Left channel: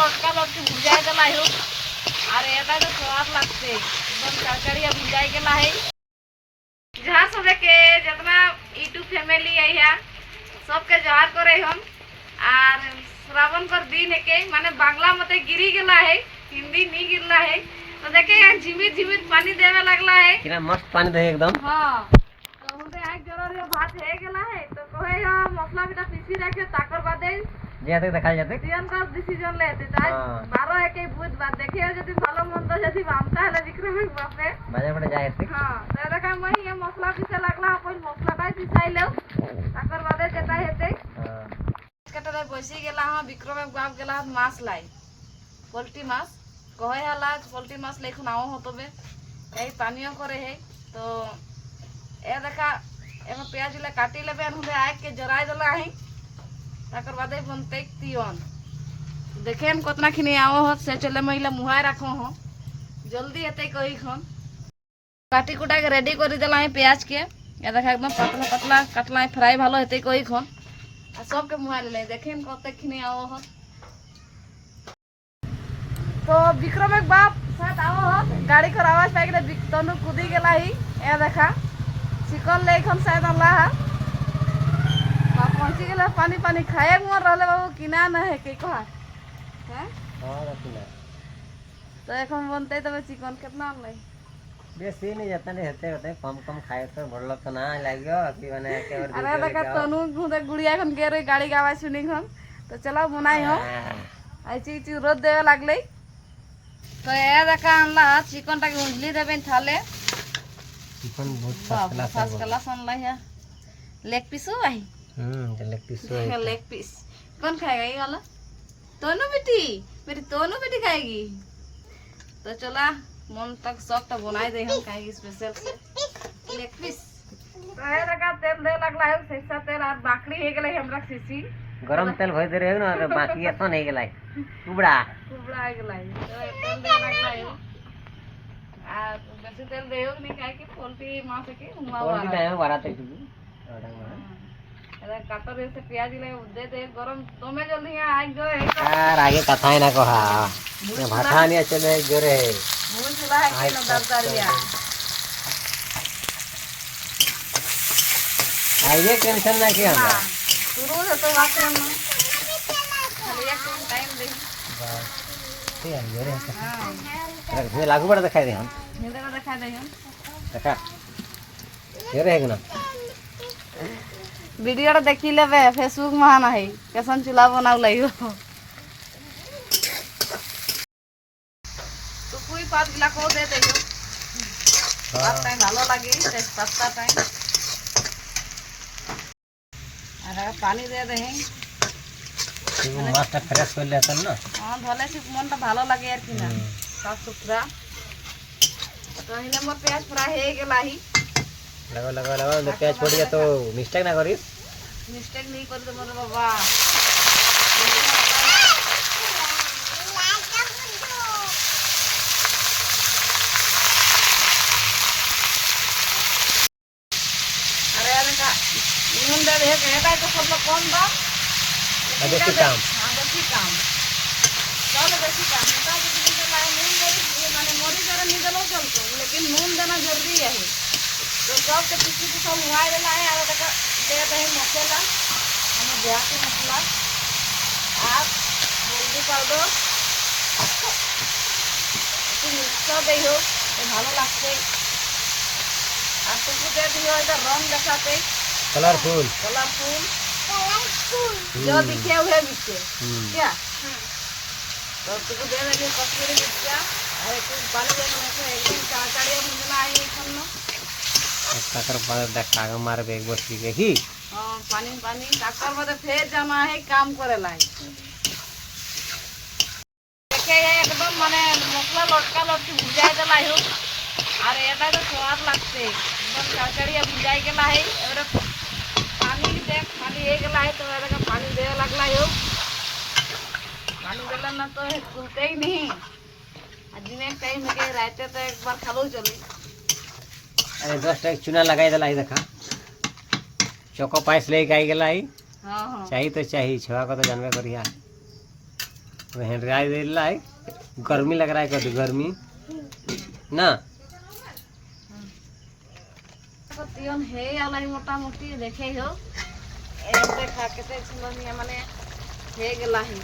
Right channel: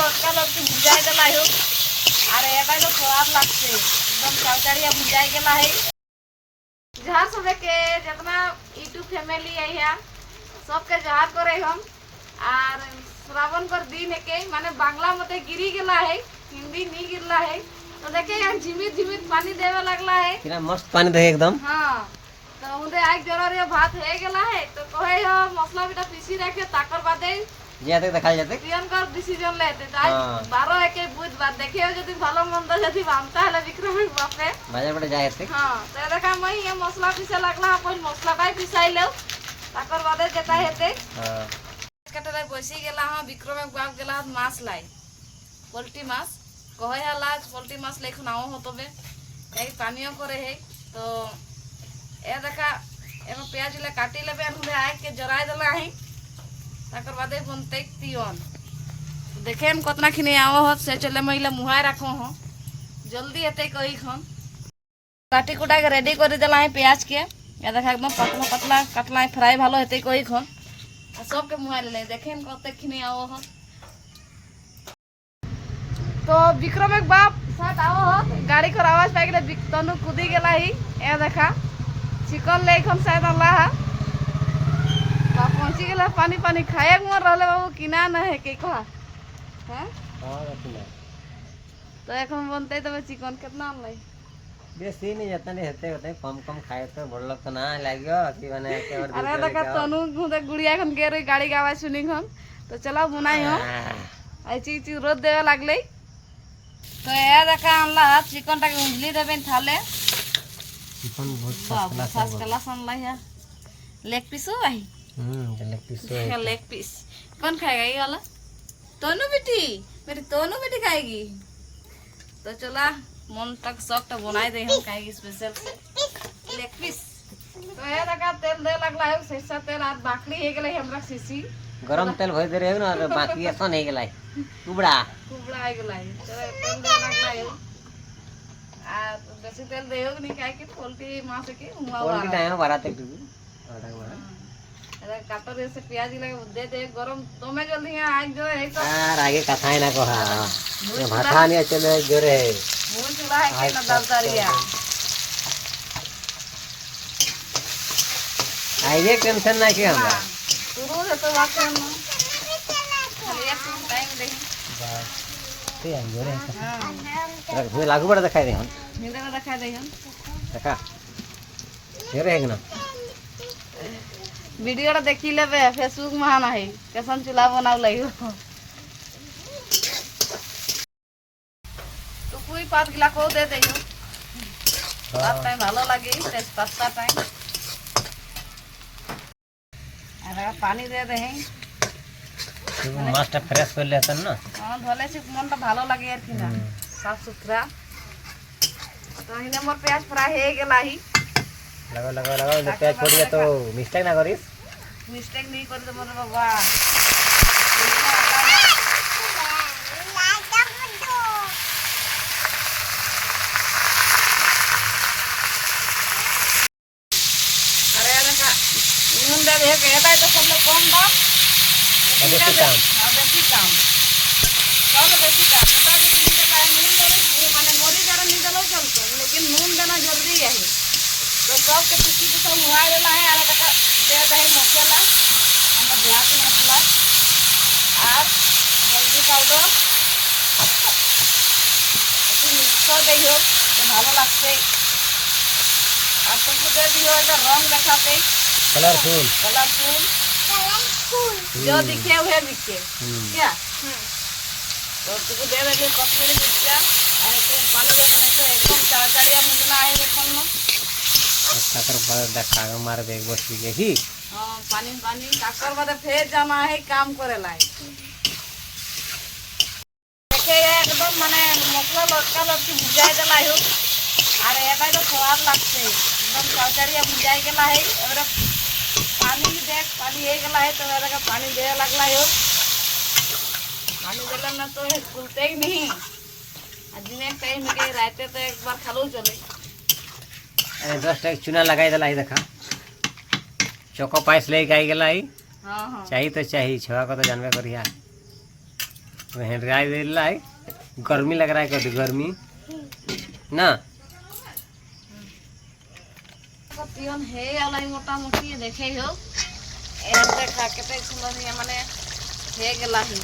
লটকা লটকি ভিজাই দেলা है আর এটা তো स्वाद লাগছে एकदम चरचरिया ভিজাই गेला है। जहाँ सबे के जितना यूट्यूब फैमिली है यहाँ सबके जोहार करे हम और श्रावण कर दिन के माने बांग्ला मते गिरी गेला है हिंदी नहीं गिरला है तो देखे यहाँ झिमिर झिमिर पानी देवे लगला है कितना मस्त पानी दे एकदम। हाँ तो हुंदे आग जरा भात है गेला है तो कहे हम मसला बेटा पीसी रखे ताकर बादे जाते देखा जाते पियन कर डिसीजन लेते आज 12 एक बुध बात देखिए यदि ভালো মন্দ যদি বামতা হলে বিক্রমের বাপে বাজার পড়ে যায় আছে। हां तो দেখা মই ये মশলা পিসে লাগলা अपन মশলাটাই পিসাইলো তাকর বাদে যেটা হেতে কাটারে বসি গেলা হাं বিক্রমের বাপ গেলা মাছ লাই পোল্ট্রি মাছ কহে হালা পোল্ট্রি মাছ লেখুন আও হতবে এই পানিও করে হে তো এ দেখা এমে পেঁয়াজ লে কাটি लेबे हुंदे आग के जराय देला है ताकर बादे बनते तियन देखेम कतना खिनी आओ हो से चले महिला मुहाय रखो हो जल्दी एते कही खन काटी कुटा के रेडी कर देला है प्याज के या देखा एकदम पतला पतला कटला है फ्राई भालो हेते कही खन आ सब के मुहाय ले देखेम कते खिनी आओ हो तो विक्रम एक बाप साथ आओ हो गाड़ी कर आवाज पाइ गेले तनु कूदी गेला ही ए देखा चिकन ले खन शायद अल्लाह पहुंची गेला पानी पानी खाए मन रहले बाबू किना न है के कहा हैं हां रखना तो এখন बनते तबे चिकन कितना लाई बेसी नहीं जाता नहीं हेते होते कम कम खाए तो बड़लो तो ना लागियो कि माने के और अरे देखा तनु गुदे गुड़िया खन के रे गाड़ी गावा सुनी खन तो चला बनाई हो आई चीज रोद देवे लागले तो ए देखा अनला चिकन टा के उजली देबे थाले चिकन बहुत फर्स्ट क्लास अनला है लेग पीस हो भाई लेग पीस कौन खाएगा ये वाला तोनू बेटी मेरी तोनू बेटी खाएगी तो चला मन तक शौक तो बनाए दे हम खाएगी स्पेशल से लेग पीस तो ये देखा तेल दे लगला है सरसा तेल और बाकड़ी हे गेलै हमरा सीसी गरम तेल भई दे रे ना और बाकी ऐसा नहीं गेलै कुबड़ा हे गेलै तो तेल दे लगला है आ बेसी तेल देयो नहीं खाए कि पोल्ट्री मांस के पोल्ट्री टाइम बराते टू ओटा बरा अरे काटर से प्याज लगे दे दे गरम तो मैं जल्दी यहां आग जो है तो यार आगे कथाई ना कहा ये भाता नहीं चले जोरे भूल चला है कि ना दरकारिया आइए टेंशन ना के हमरा शुरू से तो बात करना खाली एक टाइम दे बस ठीक है जोरे हां रख लागू बड़ा दिखाई दे हम नींद में दिखा दे हम देखा जोरे है ना वीडियो देखी लेबे फेसबुक में आना है कैसन चूल्हा बनाव लाइयो तो कोई पात गिला को दे देयो बात टाइम ভালো লাগে टेस्ट पास्ता टाइम अरे पानी दे दे हैं तुम मास्टर फ्रेश कर लेता ना हां धोले से मन तो ভালো লাগে यार कि ना साफ सुथरा तो हिने मोर प्याज फ्राई हे गेला ही लगा लगा लगा प्याज छोड़ दिया तो मिस्टेक ना करिस मिस्टेक नहीं कर तो मोर बाबा अरे देखा नून दे दे कहता है तो सब लोग कौन बा देखी काम देखी काम सब देखी काम बता दी नून दे माने मोरी जरा नहीं दलो चलतो लेकिन नून देना जरूरी है तो सब के पीछे की सब हुआ गेला है और देखा दे दे मसाला हम ध्यान से मसाला आप जल्दी कर दो तो मिक्स कर दियो तो ভালো লাগছে आप तो दे दियो तो रंग दिखाते कलरफुल जो दिखे हुए बिके क्या तो तुझे दे दे कश्मीरी मिर्चा और तुम पानी दे से एकदम चरचरिया भुजना है एकदम ना ताकर बाद देखा के मार बेग बस के की हां पानी पानी ताकर बाद फिर जाना है काम करे लाई देखे एकदम माने मसला लटका लटकी भिजाय देला है और एटा तो स्वाद लागছে एकदम चरचरिया भिजाय गेला है और पानी देख पानी हे गेला है तो एटा पानी दे लगला है पानी देला ना तो खुलते ही नहीं आज दिन एक टाइम के राते तो एक बार खालो चले अरे 10 टक चूना लगाई देला ही देखा चोको पाइस ले के आई गेला ही हां हां चाहिए तो चाहिए छवा को तो जानबे करिया हेंडराई दे लाई गर्मी लग रहा है कभी गर्मी ना তিয়ন হে আলাই মোটামুটি দেখেই হোক এতে খাকেতে ছিল নিয়ে মানে হয়ে গেলাহি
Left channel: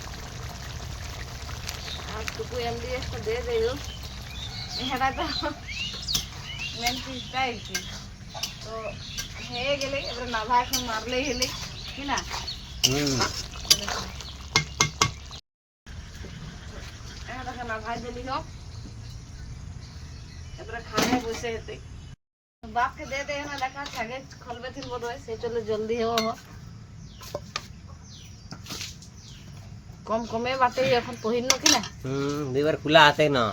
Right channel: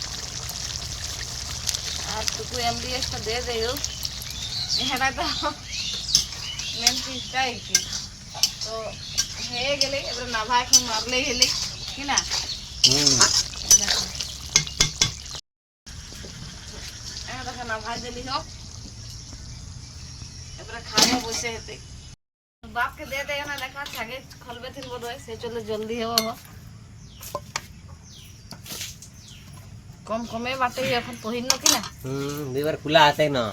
আর টুকু এমডিএসটা দিয়ে দেও এটা তো মেন পিসটাই কি তো হয়ে গেলে এবারে নাভা এখন মারলেই হলে কি না এটা নাভা দিলি হোক এবারে খাওয়া বসে হেতে बाप के दे दे ना देखा छागे खलबे थिन बोलो से चले जल्दी हो कम कमे बाटे এখন পহিন না কি না দুইবার খোলা আছে না